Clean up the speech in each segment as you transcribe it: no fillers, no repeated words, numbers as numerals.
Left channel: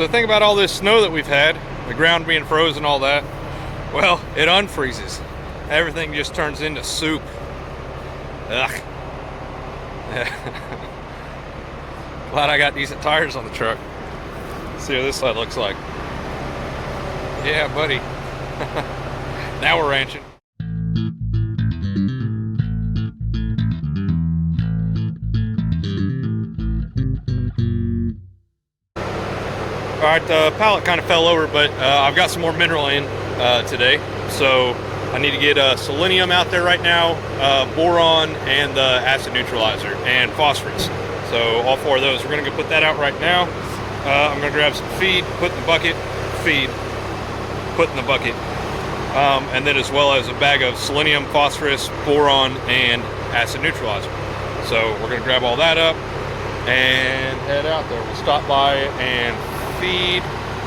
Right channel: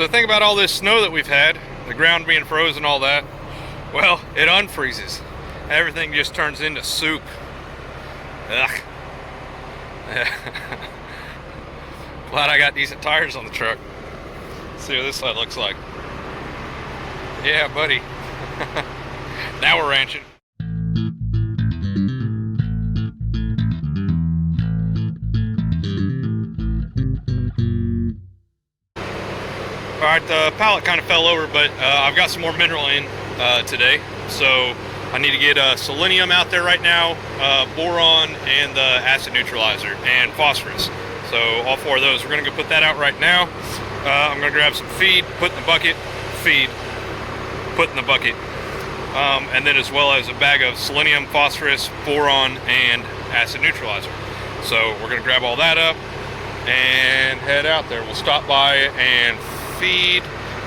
So think about all this snow that we've had, the ground being frozen, all that. Well, it unfreezes. Everything just turns into soup. Ugh. Glad I got decent tires on the truck. Let's see what this side looks like. Yeah, buddy. Now we're ranching. Alright, the pallet kind of fell over, but I've got some more mineral in today. So I need to get selenium out there right now, boron, and the acid neutralizer, and phosphorus. So all four of those, we're going to go put that out right now. I'm going to grab some feed, put in the bucket, feed, put in the bucket. And then as well as a bag of selenium, phosphorus, boron, and acid neutralizer. So we're going to grab all that up and head out there. We'll stop by and feed.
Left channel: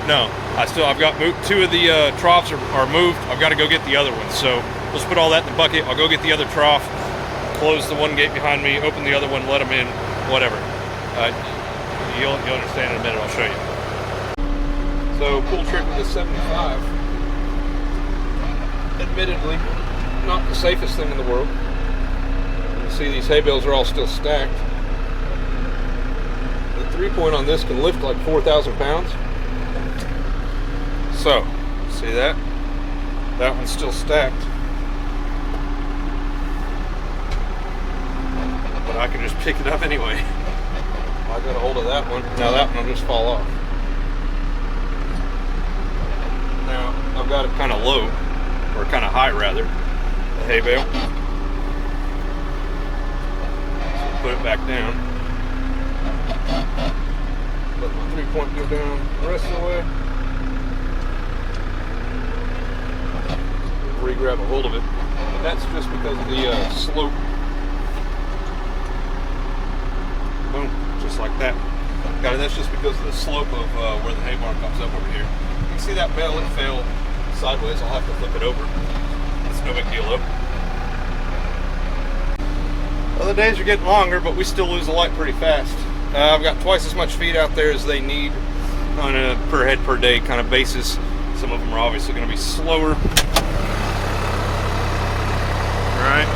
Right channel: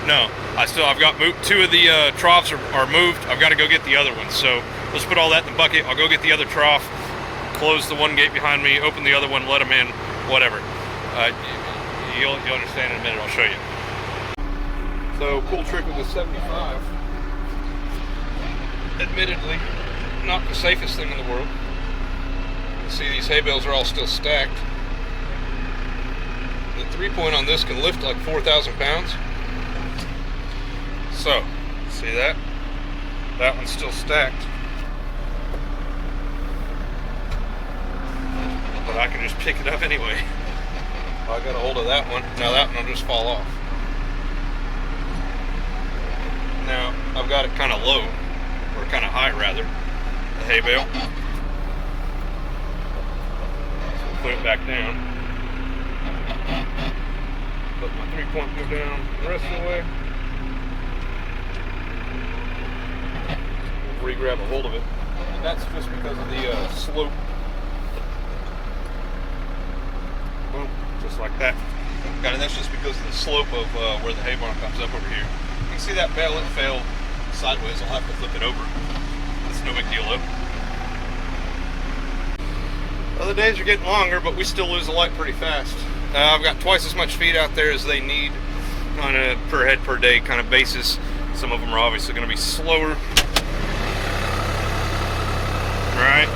No, I've got two of the troughs are moved. I've got to go get the other ones. So let's put all that in the bucket. I'll go get the other trough, close the one gate behind me, open the other one, let them in, whatever. You'll understand in a minute. I'll show you. So pull trigger to 75. Admittedly, not the safest thing in the world. You can see these hay bales are all still stacked. The 3-point on this can lift like 4,000 pounds. So, see that? That one's still stacked. But I can just pick it up anyway. I got a hold of that one. Now that one will just fall off. Now, I've got it kind of low, or kind of high rather, the hay bale. So put it back down. Let my 3-point go down the rest of the way. Re-grab a hold of it. And that's just because of the slope. Boom, just like that. Guys, that's just because of the slope of where the hay barn comes up over here. You can see that bale, it fell sideways. I'll have to flip it over. That's no big deal though. Well, the days are getting longer, but we still lose the light pretty fast. I've got twice as much feed out there as they need on a per head per day kind of basis. Some of them are obviously going to be slower. Alright.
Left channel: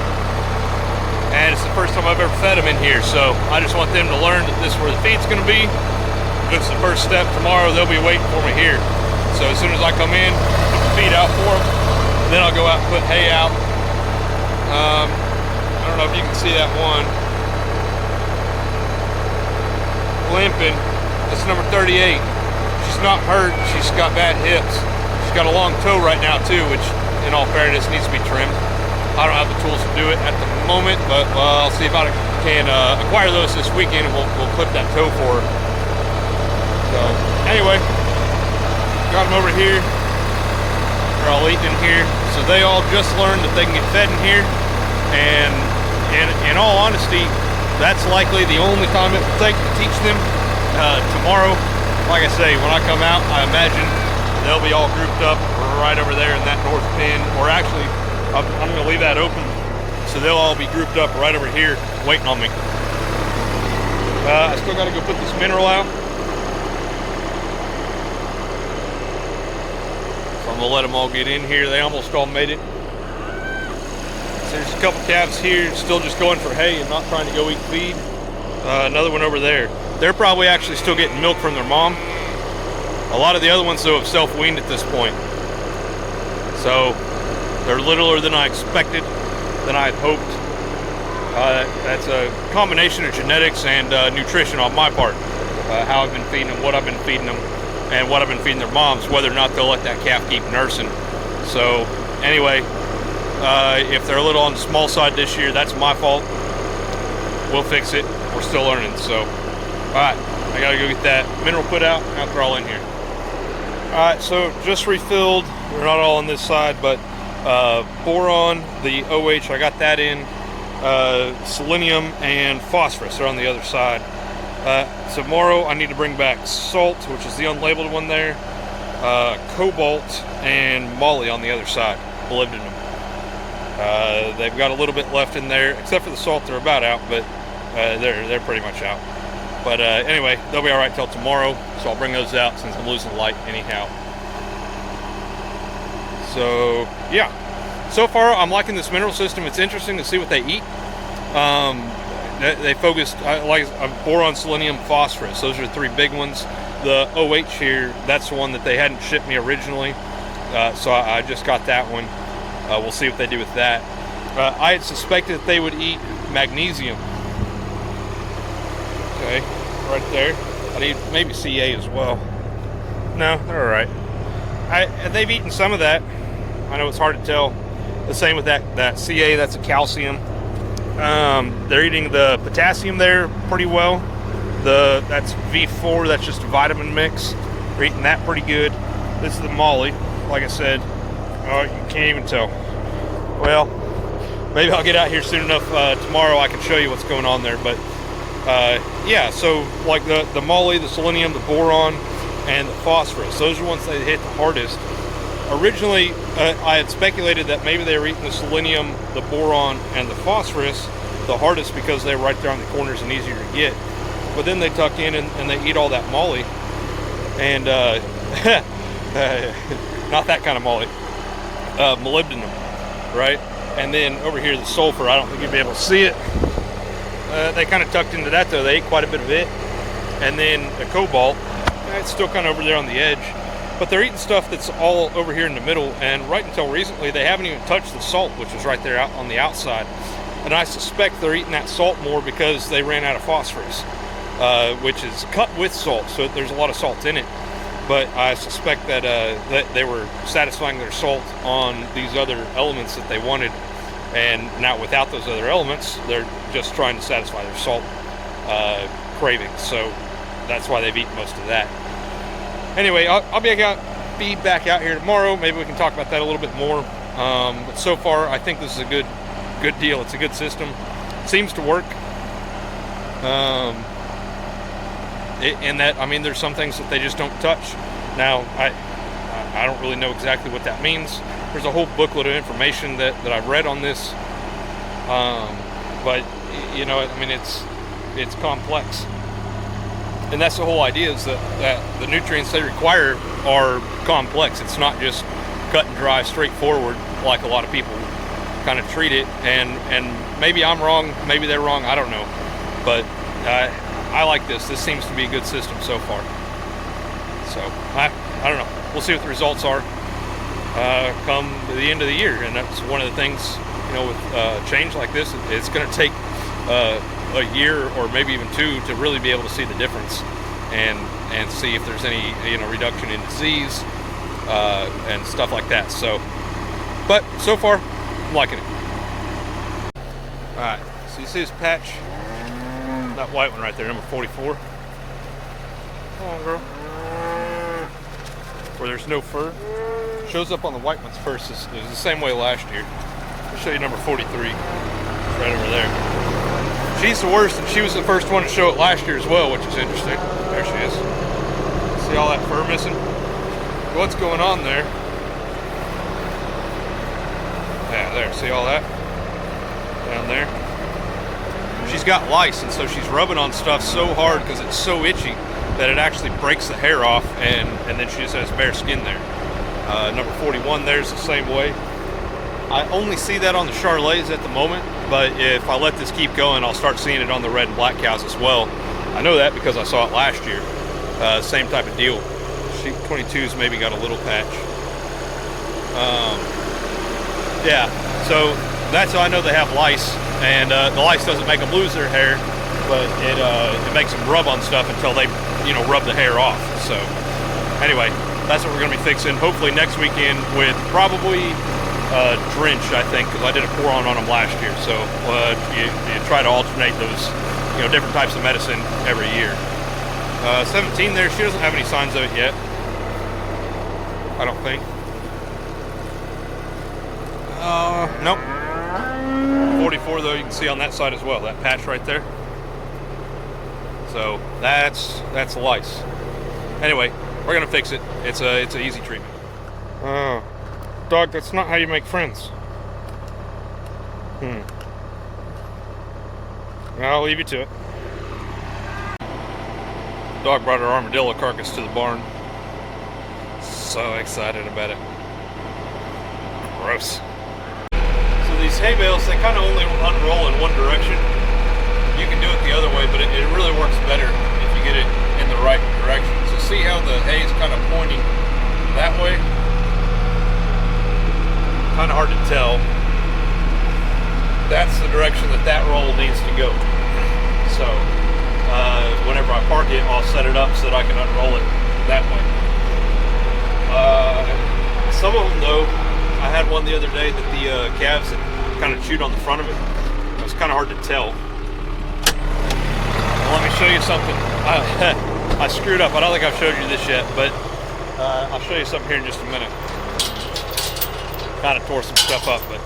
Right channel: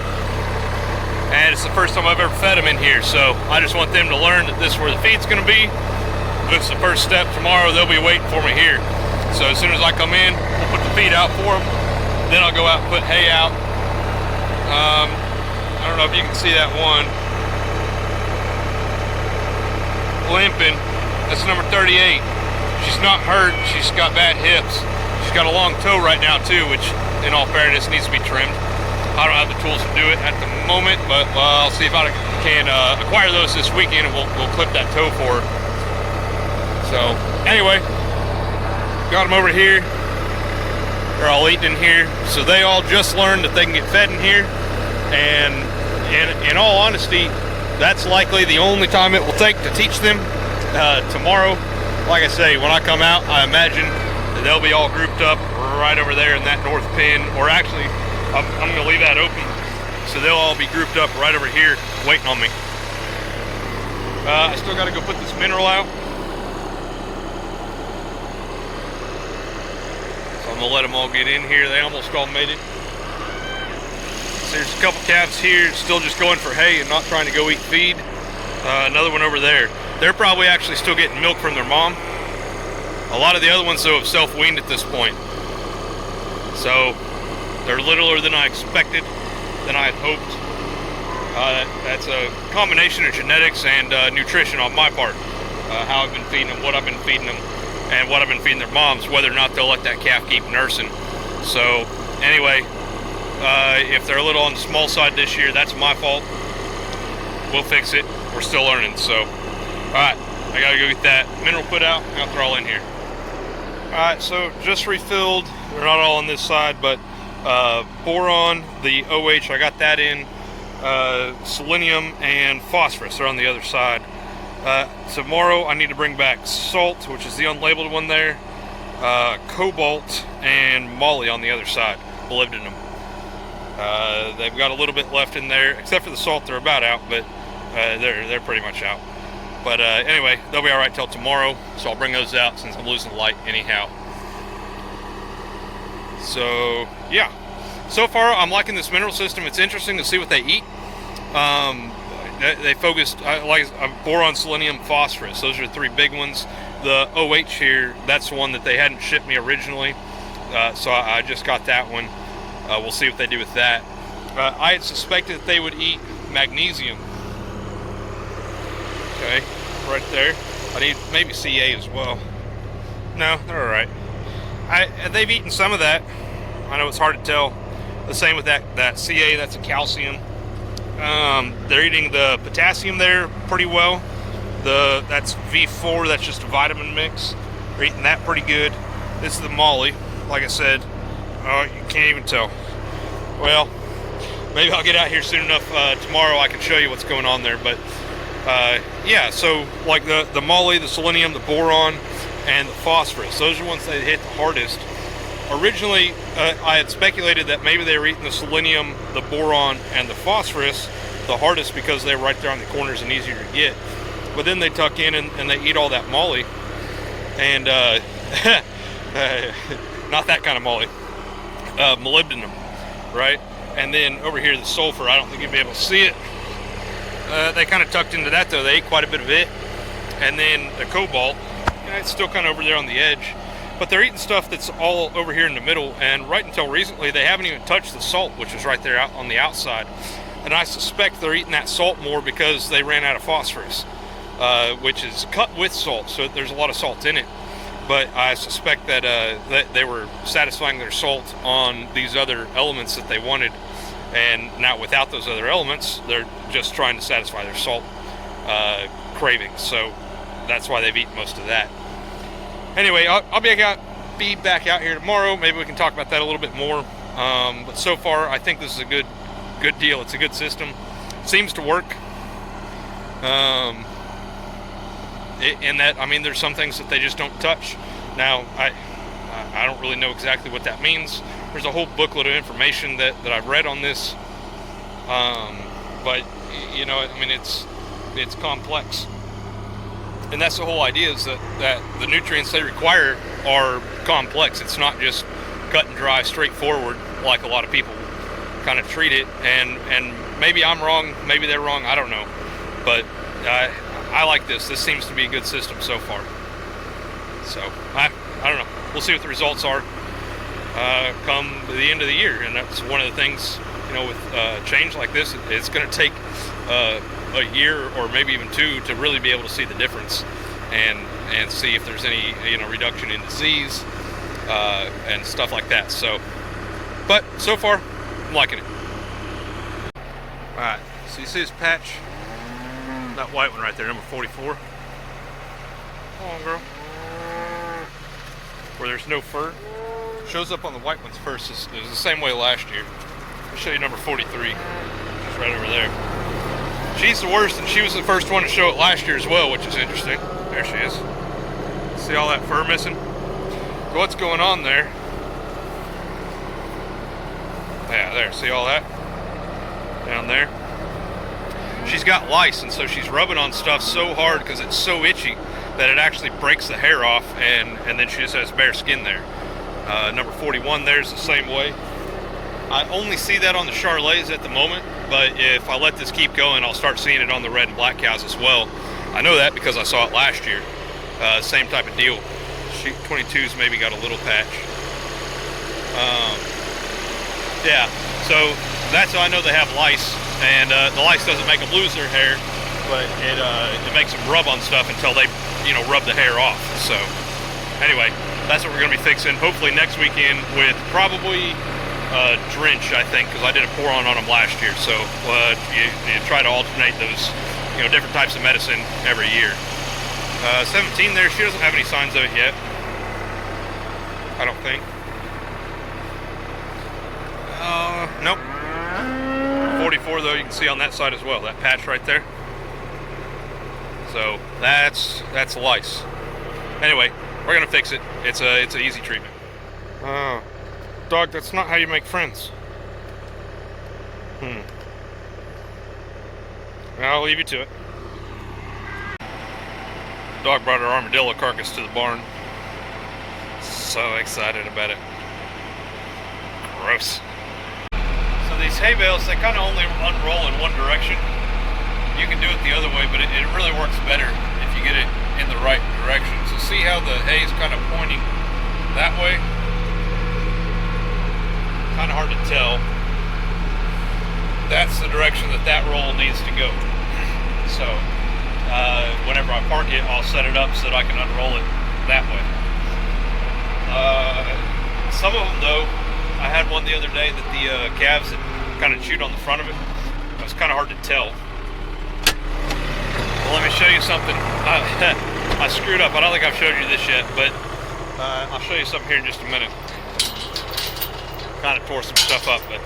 And it's the first time I've ever fed them in here, so I just want them to learn that this is where the feed's going to be. This is the first step. Tomorrow they'll be waiting for me here. So as soon as I come in, put the feed out for them. Then I'll go out and put hay out. I don't know if you can see that one. Limping. That's number 38. She's not hurt. She's got bad hips. She's got a long toe right now too, which in all fairness needs to be trimmed. I don't have the tools to do it at the moment, but I'll see if I can acquire those this weekend, and we'll clip that toe for her. So anyway, got them over here. They're all eating in here. So they all just learned that they can get fed in here. And in all honesty, that's likely the only time it will take to teach them. Tomorrow, like I say, when I come out, I imagine they'll be all grouped up right over there in that north pen, or actually, I'm going to leave that open, so they'll all be grouped up right over here, waiting on me. I still got to go put this mineral out. So I'm going to let them all get in here. They almost all made it. So there's a couple calves here, still just going for hay and not trying to go eat feed. Another one over there. They're probably actually still getting milk from their mom. A lot of the other ones, though, have self-weaned at this point. So they're littler than I expected, than I had hoped. That's a combination of genetics and nutrition on my part. How I've been feeding them, what I've been feeding them, and what I've been feeding their moms, whether or not they'll let that calf keep nursing. So anyway, if they're a little on the small side this year, that's my fault. We'll fix it. We're still learning. So, all right, I gotta go get that mineral put out. Now they're all in here. All right, so just refilled. They're not all on this side, but boron, the OH, I got that in. Selenium and phosphorus are on the other side. Tomorrow I need to bring back salt, which is the unlabeled one there, cobalt, and moly on the other side, molybdenum. They've got a little bit left in there, except for the salt. They're about out, but they're pretty much out. But anyway, they'll be all right till tomorrow. So I'll bring those out since I'm losing light anyhow. So yeah, so far I'm liking this mineral system. It's interesting to see what they eat. They focused, like boron, selenium, phosphorus. Those are the 3 big ones. The OH here, that's the one that they hadn't shipped me originally. So I just got that one. We'll see what they do with that. I had suspected that they would eat magnesium. Okay, right there. I need maybe Ca as well. No, they're all right. They've eaten some of that. I know it's hard to tell. The same with that Ca, that's a calcium. They're eating the potassium there pretty well. That's V4, that's just a vitamin mix. They're eating that pretty good. This is the molly, like I said. Oh, you can't even tell. Well, maybe I'll get out here soon enough tomorrow I can show you what's going on there. But yeah, so like the molly, the selenium, the boron, and the phosphorus, those are the ones that hit the hardest. Originally, I had speculated that maybe they were eating the selenium, the boron, and the phosphorus the hardest because they were right there on the corners and easier to get. But then they tuck in and they eat all that molly. And, not that kind of molly. Molybdenum, right? And then over here, the sulfur. I don't think you'll be able to see it. They kind of tucked into that, though. They ate quite a bit of it. And then the cobalt, it's still kind of over there on the edge. But they're eating stuff that's all over here in the middle, and right until recently, they haven't even touched the salt, which is right there out on the outside. And I suspect they're eating that salt more because they ran out of phosphorus, which is cut with salt, so there's a lot of salt in it. But I suspect that, that they were satisfying their salt on these other elements that they wanted, and now without those other elements, they're just trying to satisfy their salt cravings. So that's why they've eaten most of that. Anyway, I'll be back out here tomorrow. Maybe we can talk about that a little bit more. But so far, I think this is a good deal. It's a good system. It seems to work. In that, I mean, there's some things that they just don't touch. Now, I don't really know exactly what that means. There's a whole booklet of information that I've read on this. But you know, I mean, it's complex. And that's the whole idea, is that the nutrients they require are complex. It's not just cut and dry, straightforward, like a lot of people kind of treat it. And maybe I'm wrong, maybe they're wrong, I don't know. But I like this. This seems to be a good system so far. So, I don't know. We'll see what the results are come the end of the year. And that's one of the things, you know, with change like this, it's going to take a year or maybe even 2 to really be able to see the difference and see if there's any, you know, reduction in disease and stuff like that. So, but so far, I'm liking it. All right, so you see this patch, that white one right there, number 44. Come on, girl. Where there's no fur, shows up on the white ones first. Is the same way last year. I'll show you number 43. It's right over there. She's the worst, and she was the first one to show it last year as well, which is interesting. There she is. See all that fur missing? What's going on there? Yeah, there. See all that? Down there. She's got lice, and so she's rubbing on stuff so hard because it's so itchy that it actually breaks the hair off, and then she just has bare skin there. Number 41 there's the same way. I only see that on the Charolais at the moment, but if I let this keep going, I'll start seeing it on the red and black cows as well. I know that because I saw it last year. Same type of deal. Sheep 22's maybe got a little patch. Yeah, so that's how I know they have lice, and the lice doesn't make them lose their hair, but it makes them rub on stuff until they, you know, rub the hair off. So anyway, that's what we're going to be fixing. Hopefully next weekend with probably drench, I think, because I did a pour on them last year. So you try to alternate those, you know, different types of medicine every year. 17 there, she doesn't have any signs of it yet, I don't think. Nope. 44 though, you can see on that side as well, that patch right there. So that's lice. Anyway, we're gonna fix it. It's an easy treatment. Dog, that's not how you make friends. I'll leave you to it. Dog brought her armadillo carcass to the barn. So excited about it. Gross. So these hay bales, they kind of only unroll in one direction. You can do it the other way, but it really works better if you get it in the right direction. So see how the hay is kind of pointing that way? Kind of hard to tell. That's the direction that roll needs to go. So whenever I park it, I'll set it up so that I can unroll it that way. Some of them though, I had one the other day that the calves had kind of chewed on the front of it. It was kind of hard to tell. Well, let me show you something. I screwed up. I don't think I've showed you this yet, but I'll show you something here in just a minute. Kind of tore some stuff up, but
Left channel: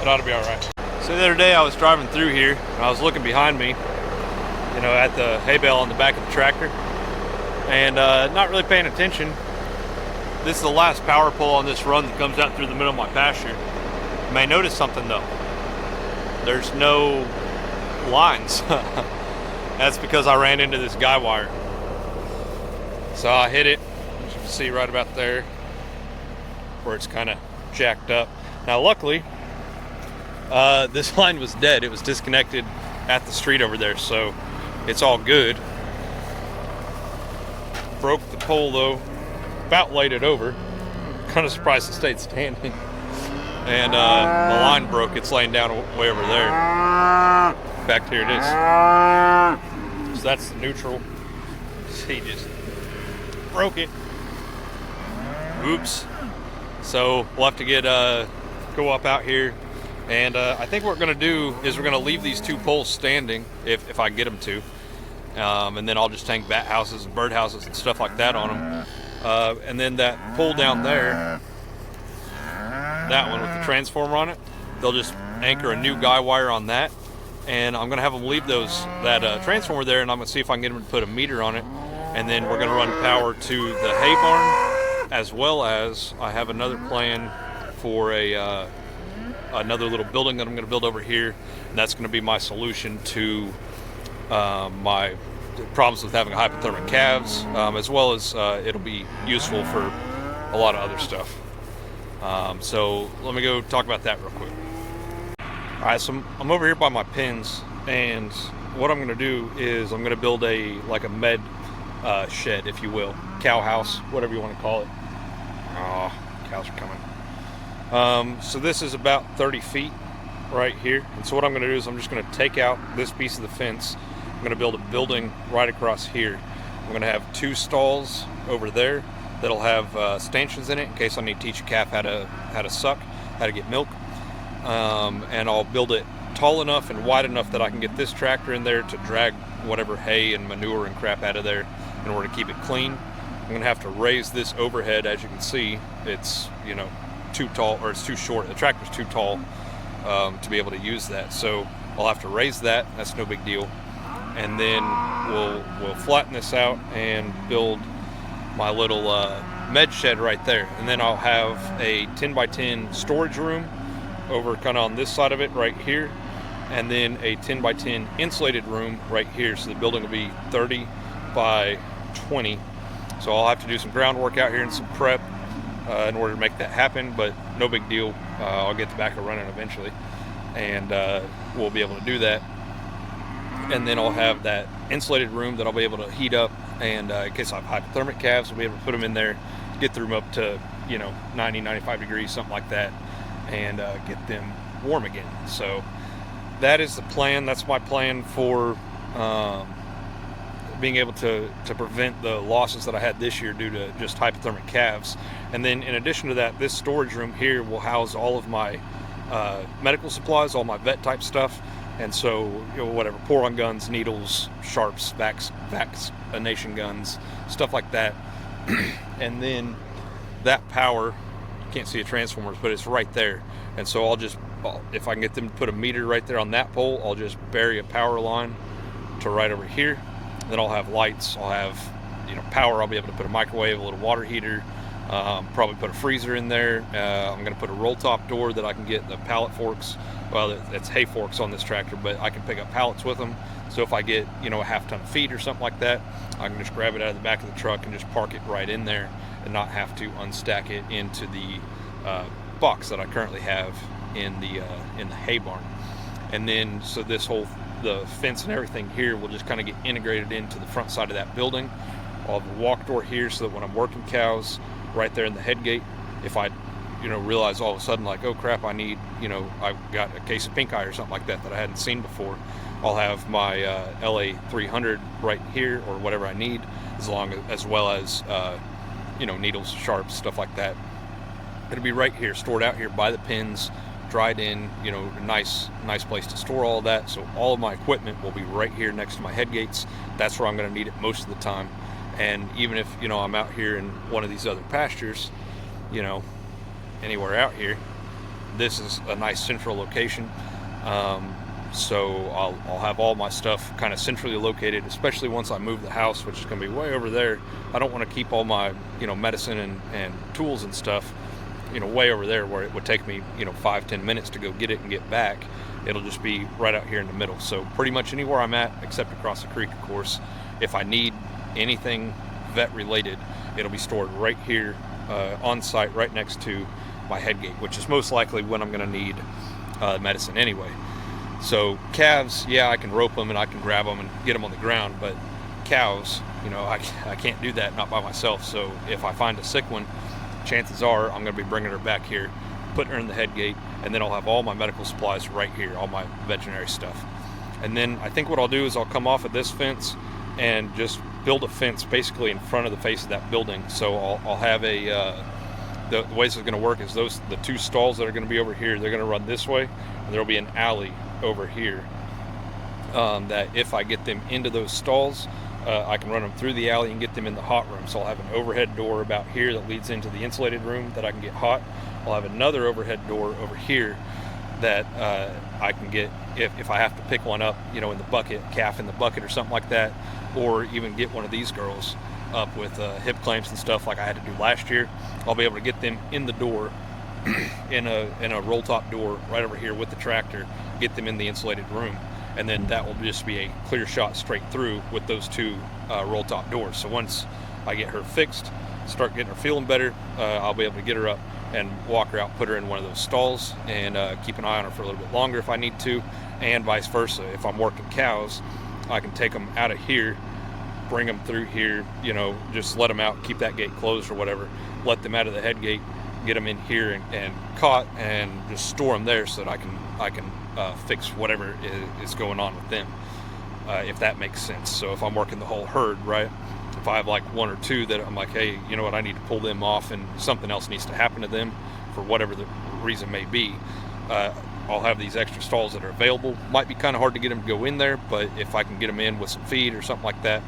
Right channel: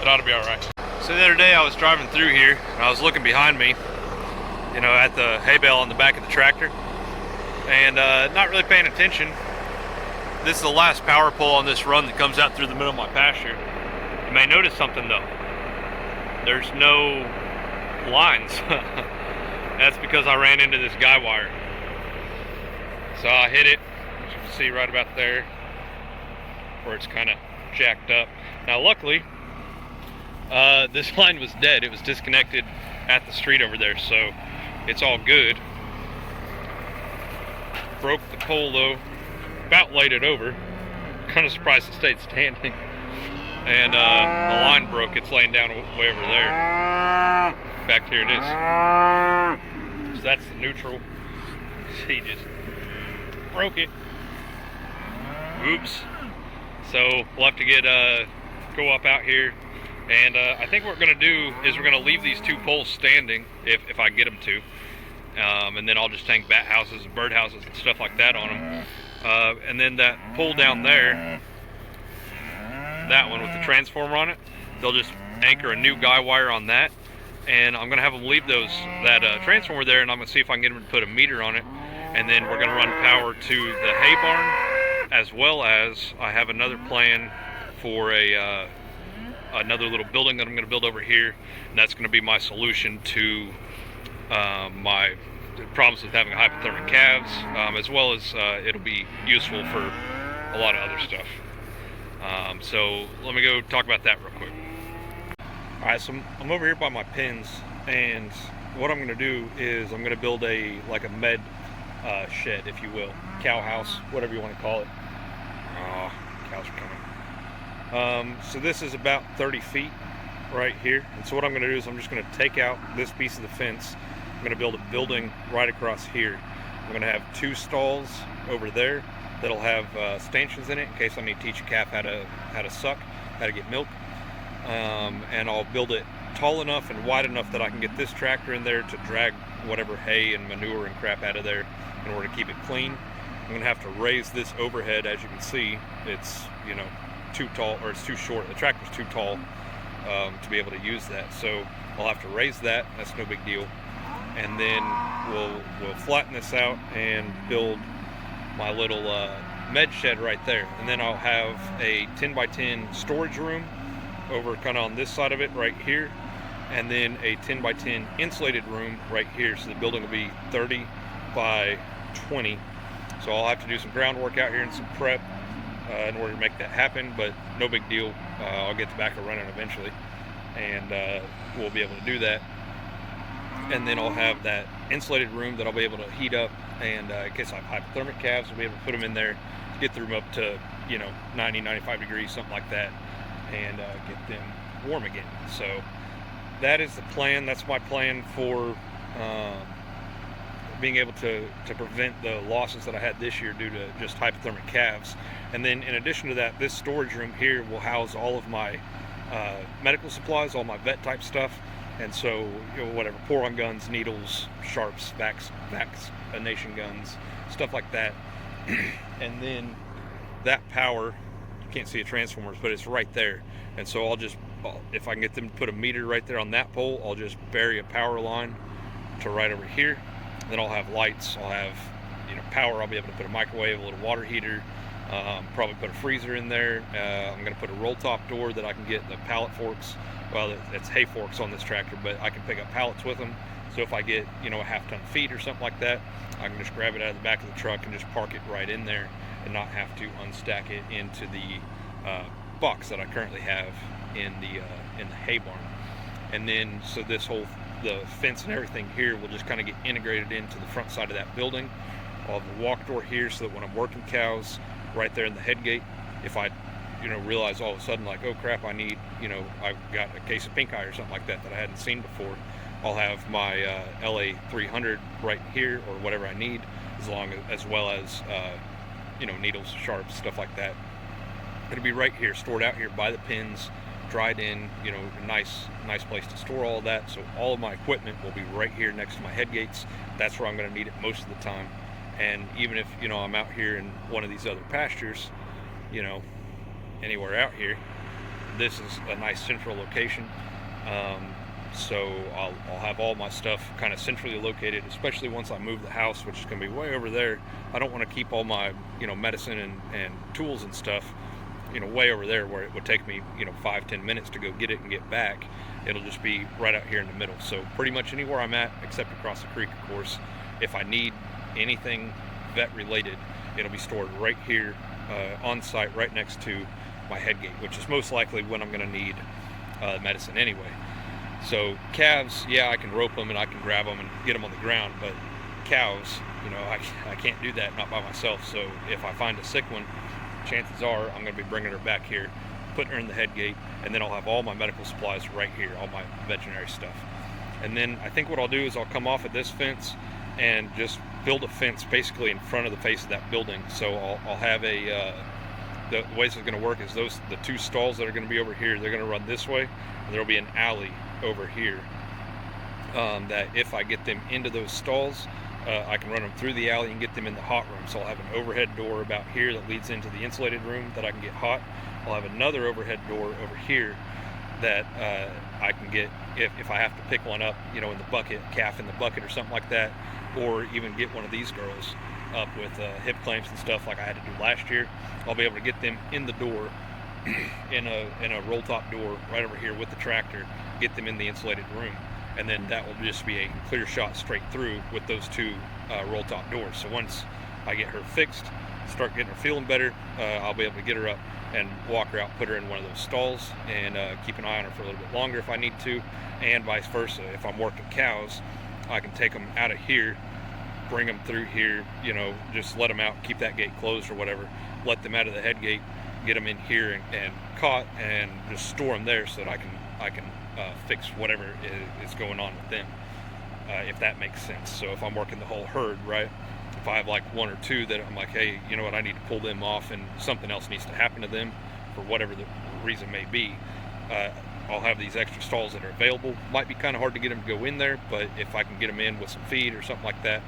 it ought to be all right. So the other day I was driving through here, and I was looking behind me, you know, at the hay bale on the back of the tractor, and not really paying attention. This is the last power pole on this run that comes out through the middle of my pasture. You may notice something though. There's no lines. That's because I ran into this guy wire. So I hit it, as you can see right about there, where it's kind of jacked up. Now luckily, this line was dead. It was disconnected at the street over there, so it's all good. Broke the pole though, about laid it over. Kind of surprised it stayed standing. And the line broke. It's laying down way over there. In fact, here it is. So that's the neutral. He just broke it. Oops. So we'll have to get go up out here, and I think what we're going to do is we're going to leave these two poles standing if I get them to, and then I'll just hang bat houses and bird houses and stuff like that on them, and then that pole down there, that one with the transformer on it, they'll just anchor a new guy wire on that, and I'm going to have them leave that transformer there, and I'm going to see if I can get them to put a meter on it, and then we're going to run power to the hay barn, as well as I have another plan for another little building that I'm going to build over here, and that's going to be my solution to my problems with having hypothermic calves, as well as it'll be useful for a lot of other stuff. So let me go talk about that real quick. Alright, so I'm over here by my pens, and what I'm going to do is I'm going to build a med shed, if you will, cow house, whatever you want to call it. Oh, cows are coming. So this is about 30 feet right here, and so what I'm going to do is I'm just going to take out this piece of the fence. I'm going to build a building right across here. I'm going to have two stalls over there that'll have stanchions in it in case I need to teach a calf how to suck, how to get milk. And I'll build it tall enough and wide enough that I can get this tractor in there to drag whatever hay and manure and crap out of there in order to keep it clean. I'm going to have to raise this overhead. As you can see, it's, you know, too tall, or it's too short. The tractor's too tall to be able to use that. So I'll have to raise that. That's no big deal. And then we'll flatten this out and build my little med shed right there. And then I'll have a 10 by 10 storage room over kind of on this side of it right here, and then a 10 by 10 insulated room right here. So the building will be 30 by 20. So I'll have to do some groundwork out here and some prep in order to make that happen, but no big deal. I'll get the backer running eventually, and we'll be able to do that. And then I'll have that insulated room that I'll be able to heat up, and in case I have hypothermic calves, I'll be able to put them in there, get the room up to, you know, 90, 95 degrees, something like that, and get them warm again. So that is the plan. That's my plan for being able to prevent the losses that I had this year due to just hypothermic calves. And then in addition to that, this storage room here will house all of my medical supplies, all my vet type stuff. And so, you know, whatever, pour-on guns, needles, sharps, vaccination guns, stuff like that. And then that power, you can't see the transformers, but it's right there. And so if I can get them to put a meter right there on that pole, I'll just bury a power line to right over here. Then I'll have lights, I'll have, you know, power. I'll be able to put a microwave, a little water heater, Probably put a freezer in there. I'm going to put a roll top door that I can get the pallet forks. Well, it's hay forks on this tractor, but I can pick up pallets with them. So if I get, you know, a half-ton feed or something like that, I can just grab it out of the back of the truck and just park it right in there and not have to unstack it into the box that I currently have in the hay barn. And then so the fence and everything here will just kind of get integrated into the front side of that building. I'll have a walk door here so that when I'm working cows right there in the head gate, if I, you know, realize all of a sudden like, oh crap, I need, you know, I've got a case of pink eye or something like that I hadn't seen before, I'll have my LA 300 right here or whatever I need, as well as you know, needles, sharps, stuff like that. It'll be right here, stored out here by the pins, dried in, you know, a nice place to store all of that. So all of my equipment will be right here next to my head gates. That's where I'm going to need it most of the time. And even if, you know, I'm out here in one of these other pastures, you know, anywhere out here, this is a nice central location. So I'll have all my stuff kind of centrally located, especially once I move the house, which is going to be way over there. I don't want to keep all my, you know, medicine and tools and stuff, you know, way over there where it would take me, you know, 5-10 minutes to go get it and get back. It'll just be right out here in the middle. So pretty much anywhere I'm at, except across the creek, of course. If I need anything vet related, it'll be stored right here on site, right next to my head gate, which is most likely when I'm going to need medicine anyway. So calves, yeah, I can rope them and I can grab them and get them on the ground, but cows, you know, I can't do that, not by myself. So if I find a sick one, chances are I'm going to be bringing her back here, putting her in the head gate, and then I'll have all my medical supplies right here, all my veterinary stuff. And then I think what I'll do is I'll come off of this fence and just build a fence basically in front of the face of that building. So I'll have the way this is going to work is the two stalls that are going to be over here, they're going to run this way, and there'll be an alley over here that if I get them into those stalls, I can run them through the alley and get them in the hot room. So I'll have an overhead door about here that leads into the insulated room that I can get hot. I'll have another overhead door over here that I can get if I have to pick one up, you know, in the bucket, calf in the bucket or something like that, or even get one of these girls up with hip clamps and stuff like I had to do last year. I'll be able to get them in the door in a roll top door right over here with the tractor, get them in the insulated room, and then that will just be a clear shot straight through with those two roll top doors. So once I get her fixed, start getting her feeling better, I'll be able to get her up and walk her out, put her in one of those stalls, and keep an eye on her for a little bit longer if I need to, and vice versa. If I'm working cows, I can take them out of here, bring them through here, you know, just let them out, keep that gate closed or whatever, let them out of the head gate, get them in here and caught, and just store them there so that I can fix whatever is going on with them, if that makes sense. So if I'm working the whole herd, right, if I have like one or two that I'm like, hey, you know what, I need to pull them off and something else needs to happen to them for whatever the reason may be, I'll have these extra stalls that are available. Might be kind of hard to get them to go in there, but if I can get them in with some feed or something like that,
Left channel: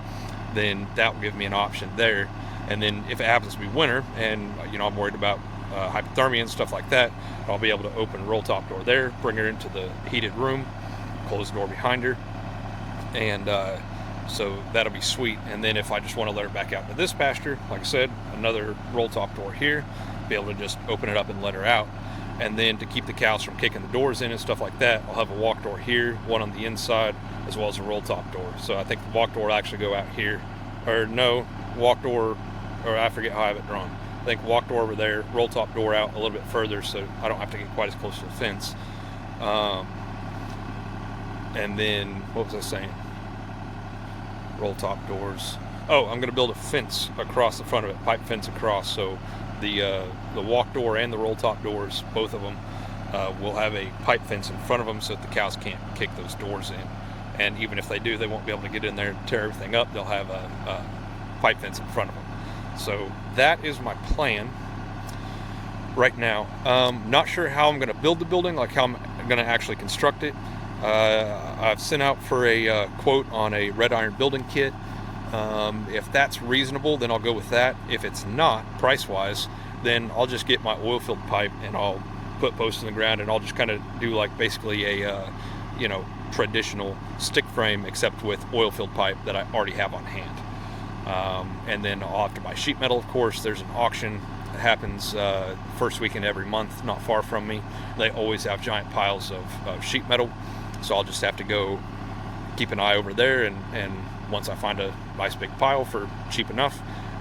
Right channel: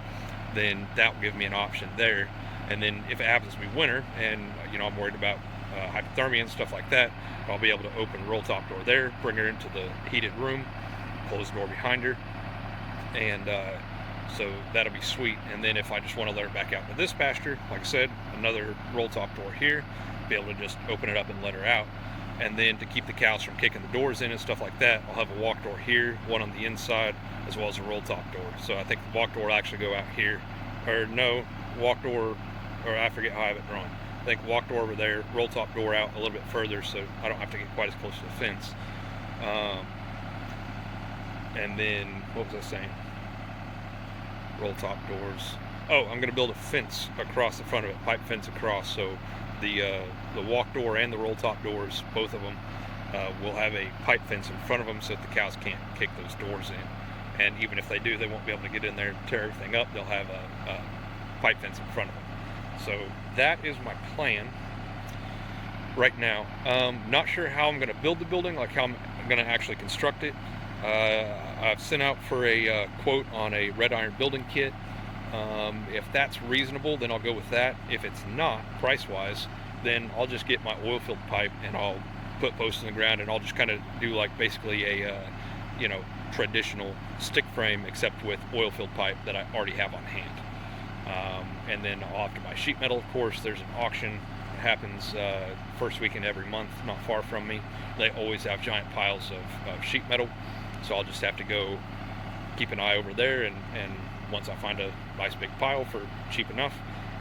then that will give me an option there. And then if it happens to be winter and, you know, I'm worried about hypothermia and stuff like that, I'll be able to open roll top door there, bring her into the heated room, close the door behind her, and so that'll be sweet. And then if I just want to let her back out into this pasture, like I said, another roll top door here, be able to just open it up and let her out. And then to keep the cows from kicking the doors in and stuff like that, I'll have a walk door here, one on the inside, as well as a roll top door. So I think the walk door will actually go out here, or no, walk door, or I forget how I have it drawn. I think walk door over there, roll top door out a little bit further so I don't have to get quite as close to the fence. And then, what was I saying? Roll top doors. Oh, I'm going to build a fence across the front of it, pipe fence across, so the walk door and the roll top doors, both of them, will have a pipe fence in front of them so that the cows can't kick those doors in. And even if they do, they won't be able to get in there and tear everything up. They'll have a pipe fence in front of them. So that is my plan right now. Not sure how I'm going to build the building, like how I'm going to actually construct it. I've sent out for a quote on a red iron building kit. If that's reasonable, then I'll go with that. If it's not, price-wise, then I'll just get my oil-filled pipe and I'll put posts in the ground and I'll just kind of do like basically a, you know, traditional stick frame except with oil-filled pipe that I already have on hand. And then I'll have to buy sheet metal, of course. There's an auction happens first weekend every month, not far from me. They always have giant piles of sheet metal, so I'll just have to go keep an eye over there, and once I find a nice big pile for cheap enough,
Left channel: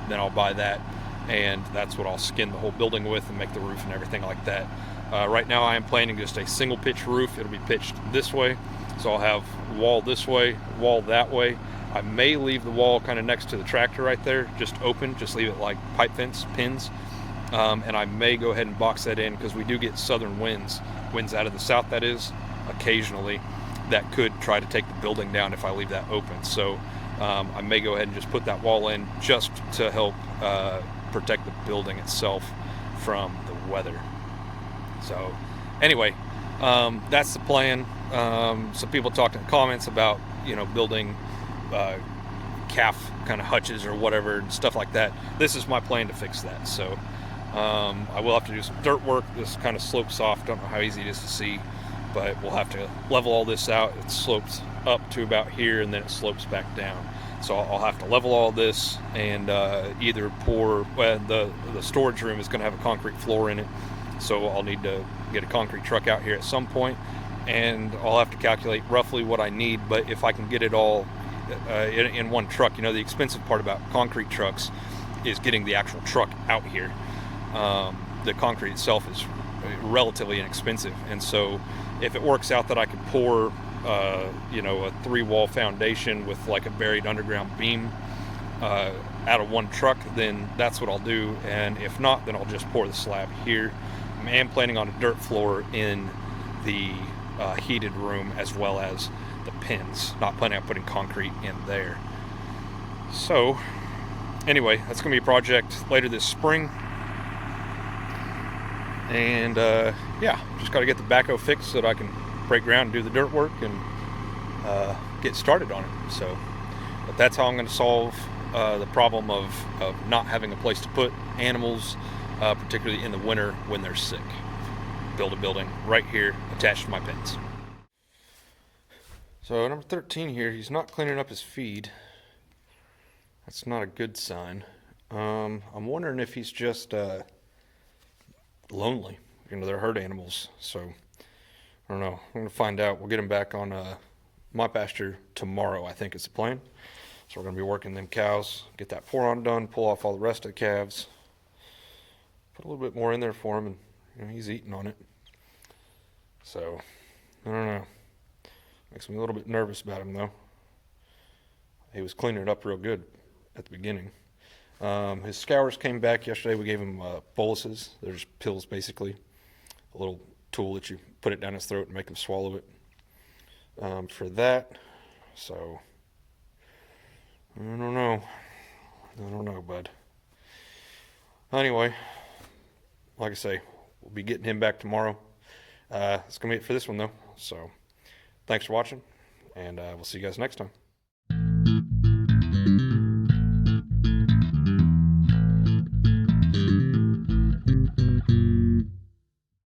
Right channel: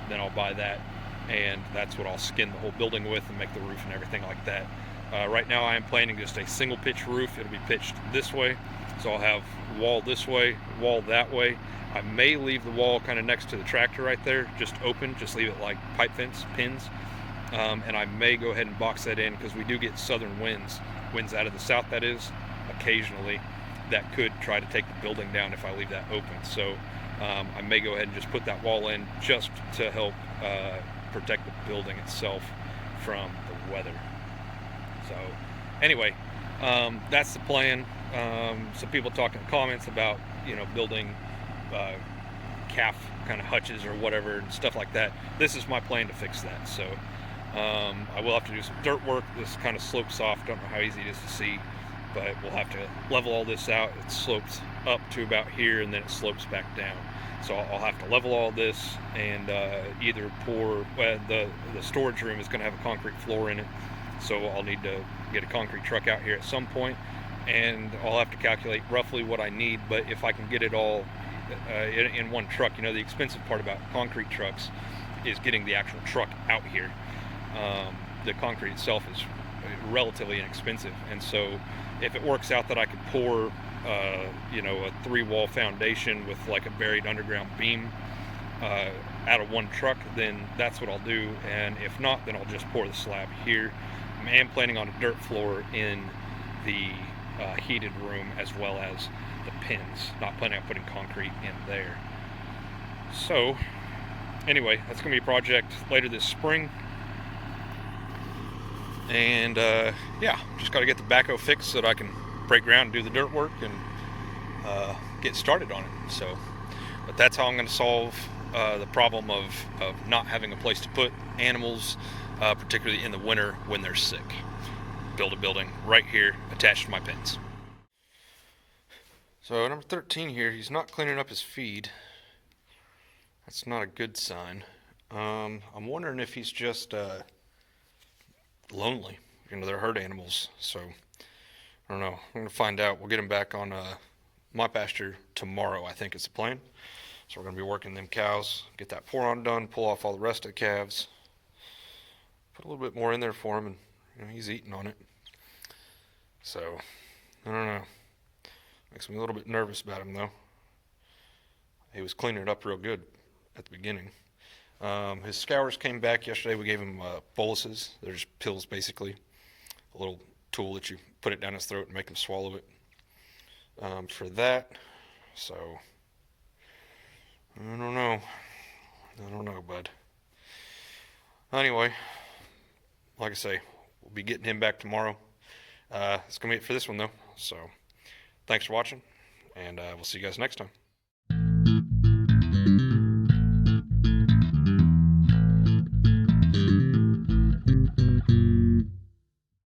then I'll buy that, and that's what I'll skin the whole building with and make the roof and everything like that. Right now I am planning just a single pitch roof. It'll be pitched this way, so I'll have wall this way, wall that way. I may leave the wall kind of next to the tractor right there, just open, just leave it like pipe fence pins. And I may go ahead and box that in, because we do get southern winds out of the south, that is, occasionally, that could try to take the building down if I leave that open. So I may go ahead and just put that wall in just to help protect the building itself from the weather. So anyway, that's the plan. Some people talked in the comments about, building calf kind of hutches or whatever and stuff like that. This is my plan to fix that. So I will have to do some dirt work. This kind of slopes off. Don't know how easy it is to see, but we'll have to level all this out. It slopes up to about here, and then it slopes back down. So I'll have to level all this and either pour, the storage room is going to have a concrete floor in it, so I'll need to get a concrete truck out here at some point, and I'll have to calculate roughly what I need. But if I can get it all in one truck, the expensive part about concrete trucks is getting the actual truck out here. The concrete itself is relatively inexpensive, and so if it works out that I could pour a 3-wall foundation with like a buried underground beam out of one truck, then that's what I'll do. And if not, then I'll just pour the slab here. I am planning on a dirt floor in the heated room as well as the pins. Not planning on putting concrete in there. So anyway, that's going to be a project later this spring. And yeah, just got to get the backhoe fixed so that I can break ground and do the dirt work and get started on it. So, but that's how I'm going to solve the problem of not having a place to put animals, particularly in the winter when they're sick. Build a building right here attached to my pens. So number 13 here, he's not cleaning up his feed. That's not a good sign. I'm wondering if he's just lonely. They're herd animals, so I don't know. I'm gonna find out. We'll get him back on my pasture tomorrow, I think is the plan. So we're gonna be working them cows, get that pour on done, pull off all the rest of the calves, put a little bit more in there for him, and he's eating on it. So I don't know. Makes me a little bit nervous about him though. He was cleaning it up real good at the beginning. His scours came back yesterday. We gave him boluses. They're just pills, basically. A little tool that you put it down his throat and make him swallow it for that. So, I don't know, bud. Anyway, like I say, we'll be getting him back tomorrow. It's going to be it for this one, though. So, thanks for watching, and we'll see you guys next time.